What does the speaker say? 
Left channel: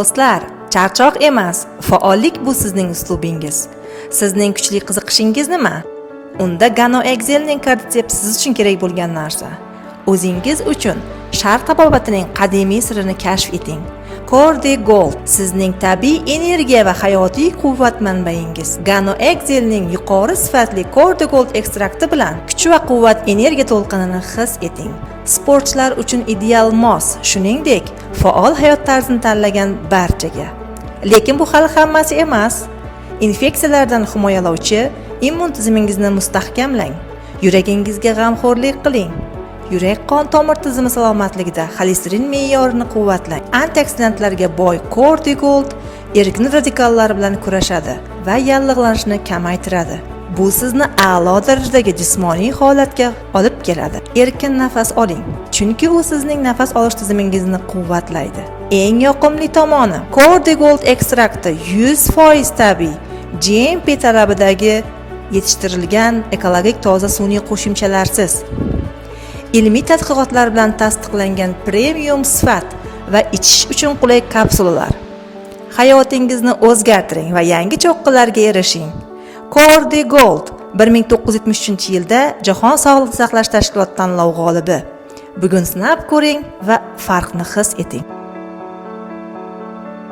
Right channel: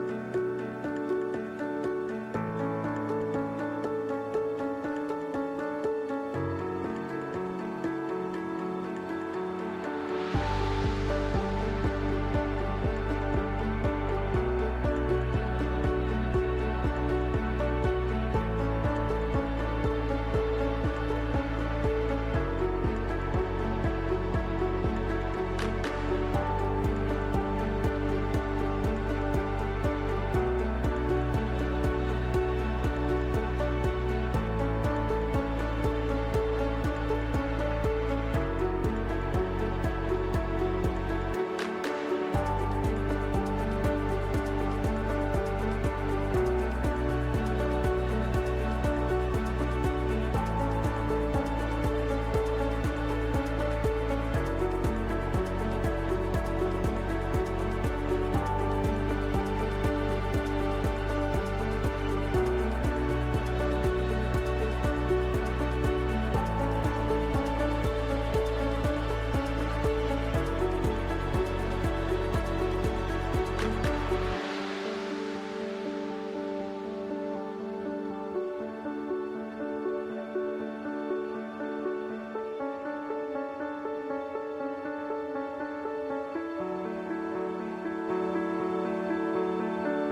Do'stlar, charchoq emas, faollik bu sizning uslubingiz. Sizning kuchli qiziqishingiz nima? Unda GanoExcel'ning karditsep siz uchun kerak bo'lgan narsa. O'zingiz uchun Sharq tabobatining qadimiy sirini kashf eting. Cordigold sizning tabiiy energiya va hayotiy quvvat manbaingiz. GanoExcel'ning yuqori sifatli Cordigold ekstrakti bilan kuch va quvvat energiya to'lqinini his eting. Sportchilar uchun ideal mos, shuningdek, faol hayot tarzini tanlagan barchaga. Lekin bu hali hammasi emas. Infeksiyalardan himoyalovchi immun tizimingizni mustahkamlang. Yuragingizga g'amxo'rlik qiling. Yurak-qon tomir tizimi salomatligida xolesterin me'yorini quvvatlang. Antioksidantlarga boy Cordigold erkin radikallar bilan kurashadi va yallig'lanishni kamaytiradi. Bu sizni a'lo darajadagi jismoniy holatga olib keladi. Erkin nafas oling, chunki u sizning nafas olish tizimingizni quvvatlaydi. Eng yoqimli tomoni, Cordigold ekstrakti 100% tabiiy, GMP talabidagi yetishtirilgan ekologik toza sun'iy qo'shimchalarsiz. Ilmiy tadqiqotlar bilan tasdiqlangan premium sifat va ichish uchun qulay kapsulalar. Hayotingizni o'zgartiring va yangi cho'qqilarga erishing. Cordigold 1973-yilda Jahon Sog'liqni saqlash tashkiloti tanlovi g'olibi. Bugun sinab ko'ring va farqni his eting.